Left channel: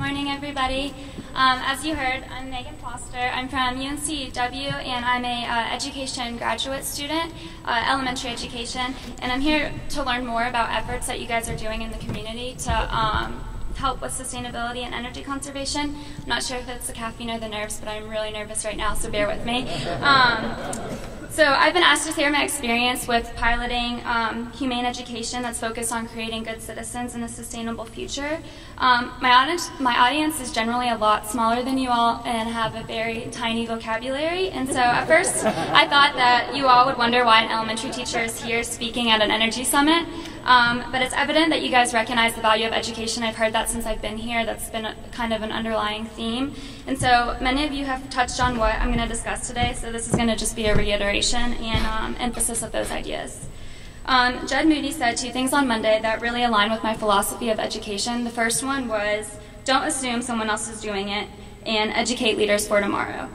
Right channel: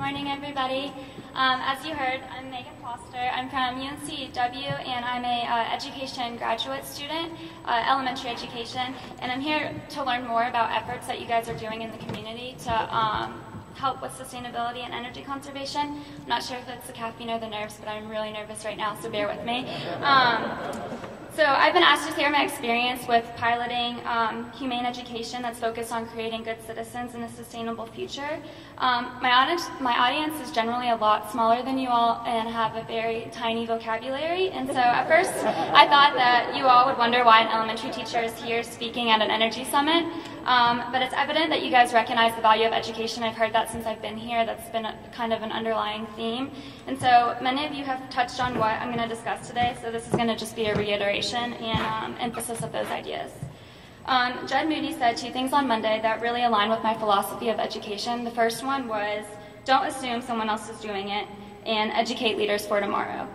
morning, everybody. As you heard, I'm Megan Foster. I'm from UNCW, and I'm a education graduate student, elementary education, and I'm here to learn more about efforts that you guys are doing in the community to help with sustainability and energy conservation. I'm not sure if it's the caffeine or the nerves, but I'm really nervous right now, so bear with me. So I've been asked to share my experience with piloting Humane Education that's focused on creating good citizens in a sustainable future. My audience is generally a lot smaller than you all and have a very tiny vocabulary, and so at first I thought that you all would wonder why an elementary teacher is here speaking at an energy summit, but it's evident that you guys recognize the value of education. I've heard that since I've been here. That's been kind of an underlying theme, and so many of you have touched on what I'm going to discuss today, so this is going to just be a reiteration and emphasis of those ideas. Jed Moody said two things on Monday that really align with my philosophy of education. The first one was, don't assume someone else is doing it, and educate leaders for tomorrow.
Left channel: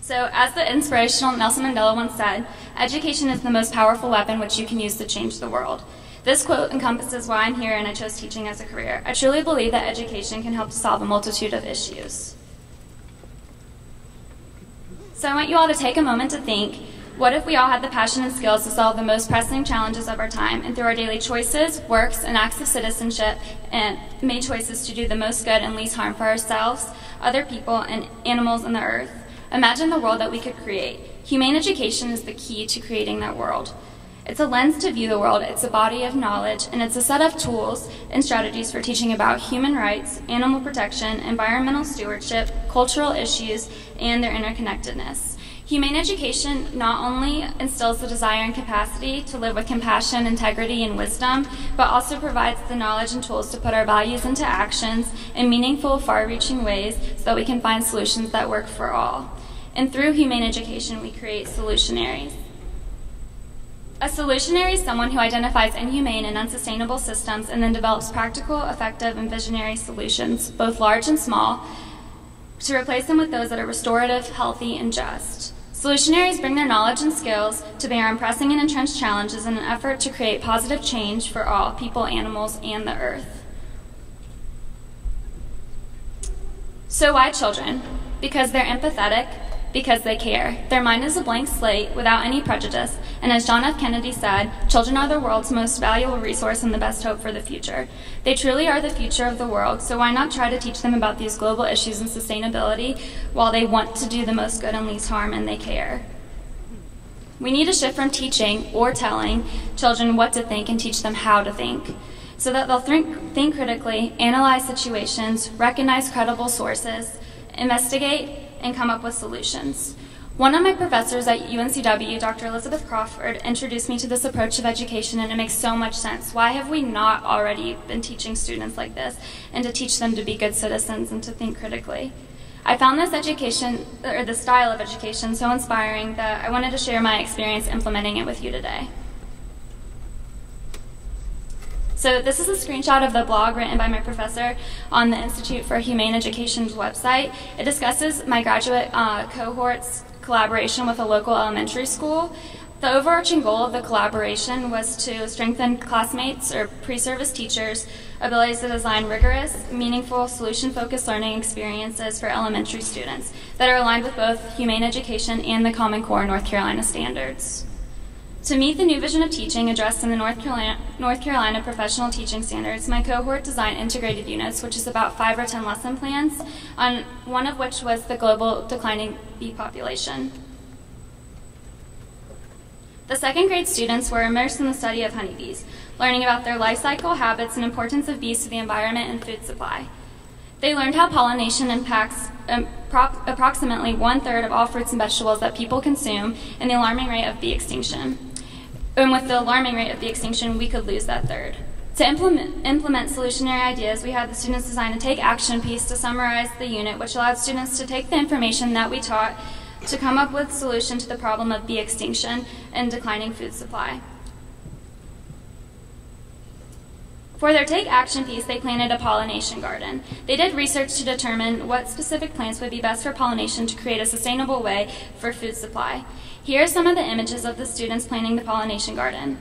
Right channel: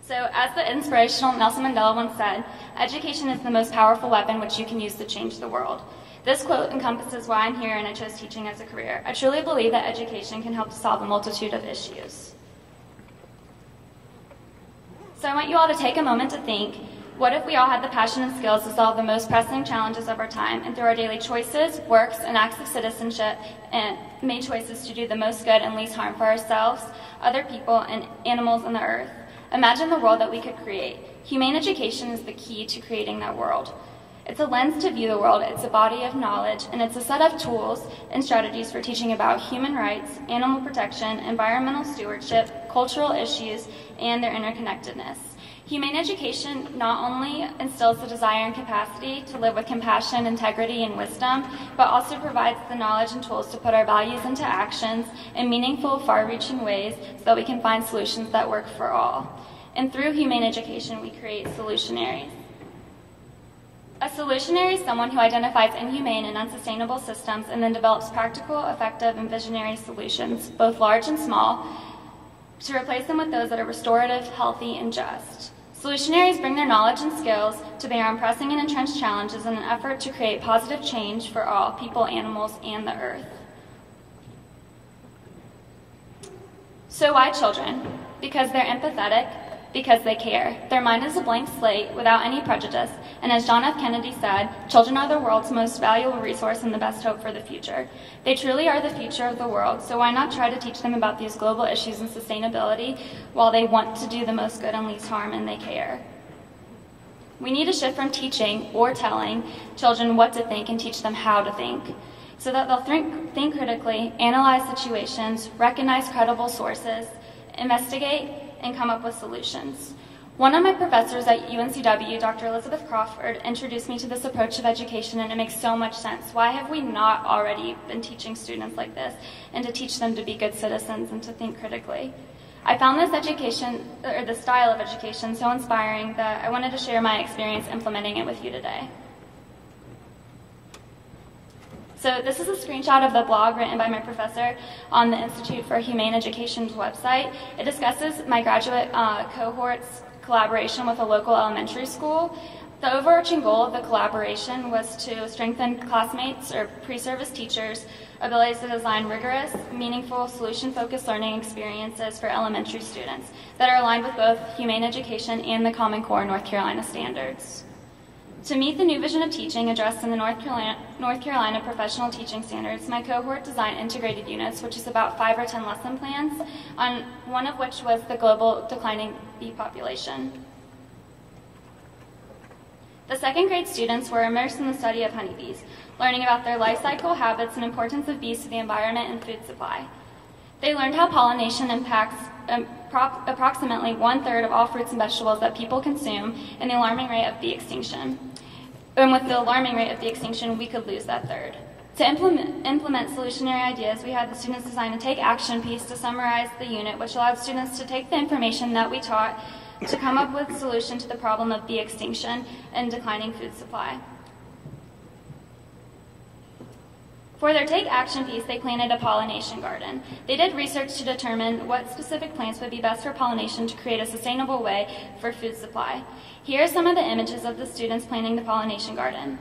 So as the inspirational Nelson Mandela once said, education is the most powerful weapon which you can use to change the world. This quote encompasses why I'm here and I chose teaching as a career. I truly believe that education can help to solve a multitude of issues. So I want you all to take a moment to think, what if we all had the passion and skills to solve the most pressing challenges of our time, and through our daily choices, works, and acts of citizenship, and made choices to do the most good and least harm for ourselves, other people, and animals on the earth? Imagine the world that we could create. Humane education is the key to creating that world. It's a lens to view the world, it's a body of knowledge, and it's a set of tools and strategies for teaching about human rights, animal protection, environmental stewardship, cultural issues, and their interconnectedness. Humane education not only instills the desire and capacity to live with compassion, integrity, and wisdom, but also provides the knowledge and tools to put our values into actions in meaningful, far-reaching ways so that we can find solutions that work for all. And through humane education, we create solutionaries. A solutionary is someone who identifies inhumane and unsustainable systems and then develops practical, effective, and visionary solutions, both large and small, to replace them with those that are restorative, healthy, and just. Solutionaries bring their knowledge and skills to bear on pressing and entrenched challenges in an effort to create positive change for all, people, animals, and the earth. So why children? Because they're empathetic, because they care. Their mind is a blank slate without any prejudice, and as John F. Kennedy said, children are the world's most valuable resource and the best hope for the future. They truly are the future of the world, so why not try to teach them about these global issues and sustainability while they want to do the most good and least harm and they care? We need to shift from teaching or telling children what to think and teach them how to think, so that they'll think critically, analyze situations, recognize credible sources, investigate, and come up with solutions. One of my professors at UNCW, Dr. Elizabeth Crawford, introduced me to this approach of education, and it makes so much sense. Why have we not already been teaching students like this, and to teach them to be good citizens and to think critically? I found this education, or this style of education, so inspiring that I wanted to share my experience implementing it with you today. So this is a screenshot of the blog written by my professor on the Institute for Humane Education's website. It discusses my graduate cohort's collaboration with a local elementary school. The overarching goal of the collaboration was to strengthen classmates or pre-service teachers' abilities to design rigorous, meaningful, solution-focused learning experiences for elementary students that are aligned with both humane education and the Common Core North Carolina standards. To meet the new vision of teaching addressed in the North Carolina Professional Teaching Standards, my cohort designed integrated units, which is about 5 or 10 lesson plans, on one of which was the global declining bee population. The second grade students were immersed in the study of honeybees, learning about their life cycle, habits, and importance of bees to the environment and food supply. They learned how pollination impacts approximately 1/3 of all fruits and vegetables that people consume, and the alarming rate of bee extinction. And with the alarming rate of bee extinction, we could lose that third. To implement solutionary ideas, we had the students design a take action piece to summarize the unit, which allowed students to take the information that we taught to come up with a solution to the problem of bee extinction and declining food supply. For their take action piece, they planted a pollination garden. They did research to determine what specific plants would be best for pollination to create a sustainable way for food supply. Here are some of the images of the students planting the pollination garden.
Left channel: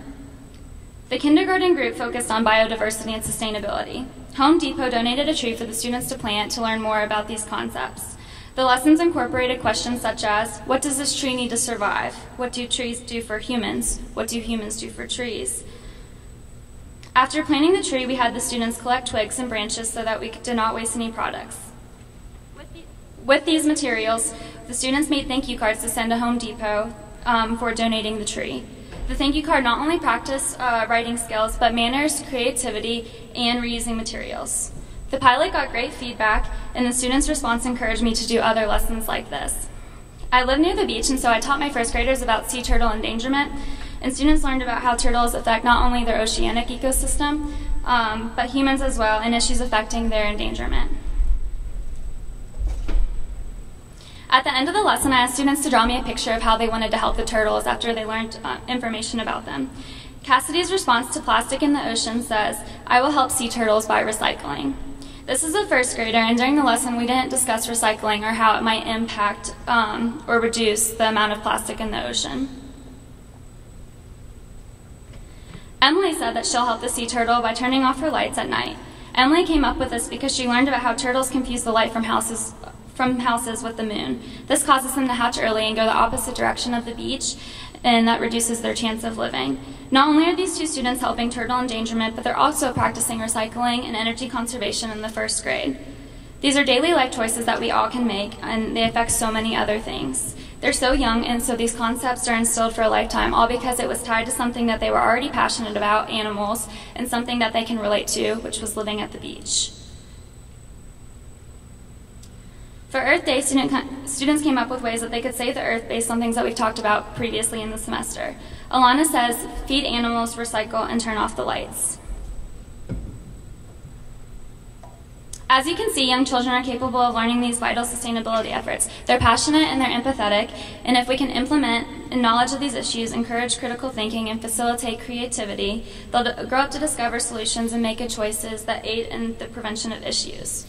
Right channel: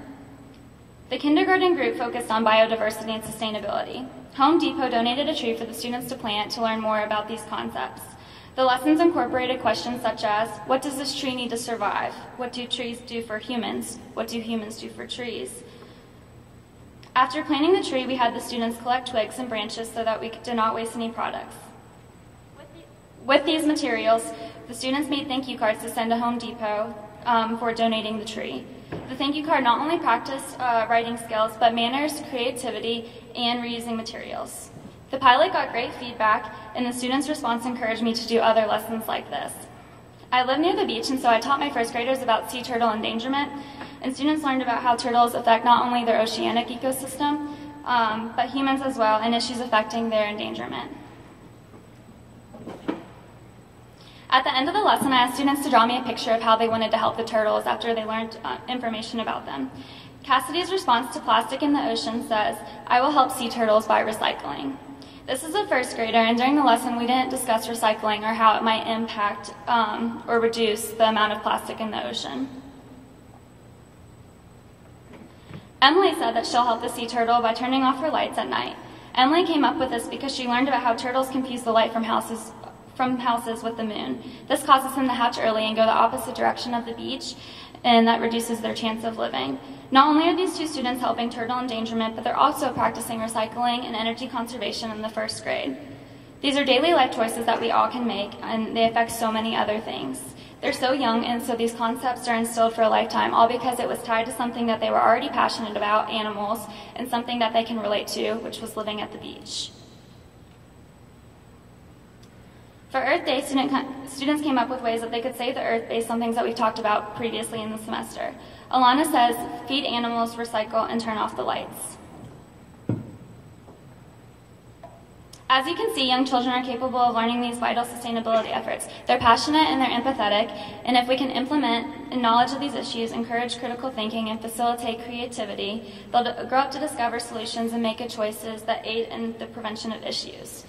The kindergarten group focused on biodiversity and sustainability. Home Depot donated a tree for the students to plant to learn more about these concepts. The lessons incorporated questions such as, what does this tree need to survive? What do trees do for humans? What do humans do for trees? After planting the tree, we had the students collect twigs and branches so that we did not waste any products. With these materials, the students made thank you cards to send to Home Depot for donating the tree. The thank you card not only practiced writing skills, but manners, creativity, and reusing materials. The pilot got great feedback, and the students' response encouraged me to do other lessons like this. I live near the beach, and so I taught my first graders about sea turtle endangerment, and students learned about how turtles affect not only their oceanic ecosystem, but humans as well, and issues affecting their endangerment. At the end of the lesson, I asked students to draw me a picture of how they wanted to help the turtles after they learned information about them. Cassidy's response to plastic in the ocean says, I will help sea turtles by recycling. This is a first grader, and during the lesson we didn't discuss recycling or how it might impact or reduce the amount of plastic in the ocean. Emily said that she'll help the sea turtle by turning off her lights at night. Emily came up with this because she learned about how turtles confuse the light from houses with the moon. This causes them to hatch early and go the opposite direction of the beach, and that reduces their chance of living. Not only are these two students helping turtle endangerment, but they're also practicing recycling and energy conservation in the first grade. These are daily life choices that we all can make, and they affect so many other things. They're so young, and so these concepts are instilled for a lifetime, all because it was tied to something that they were already passionate about, animals, and something that they can relate to, which was living at the beach. For Earth Day, students came up with ways that they could save the Earth based on things that we've talked about previously in the semester. Alana says, feed animals, recycle, and turn off the lights. As you can see, young children are capable of learning these vital sustainability efforts. They're passionate and they're empathetic, and if we can implement knowledge of these issues, encourage critical thinking, and facilitate creativity, they'll grow up to discover solutions and make good choices that aid in the prevention of issues.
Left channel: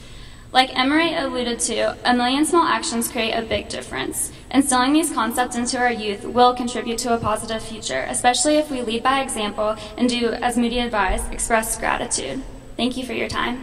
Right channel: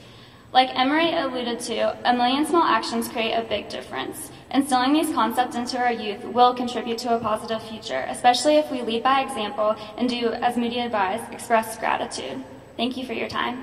Like Emery alluded to, a million small actions create a big difference. Instilling these concepts into our youth will contribute to a positive future, especially if we lead by example and do, as Moody advised, express gratitude. Thank you for your time.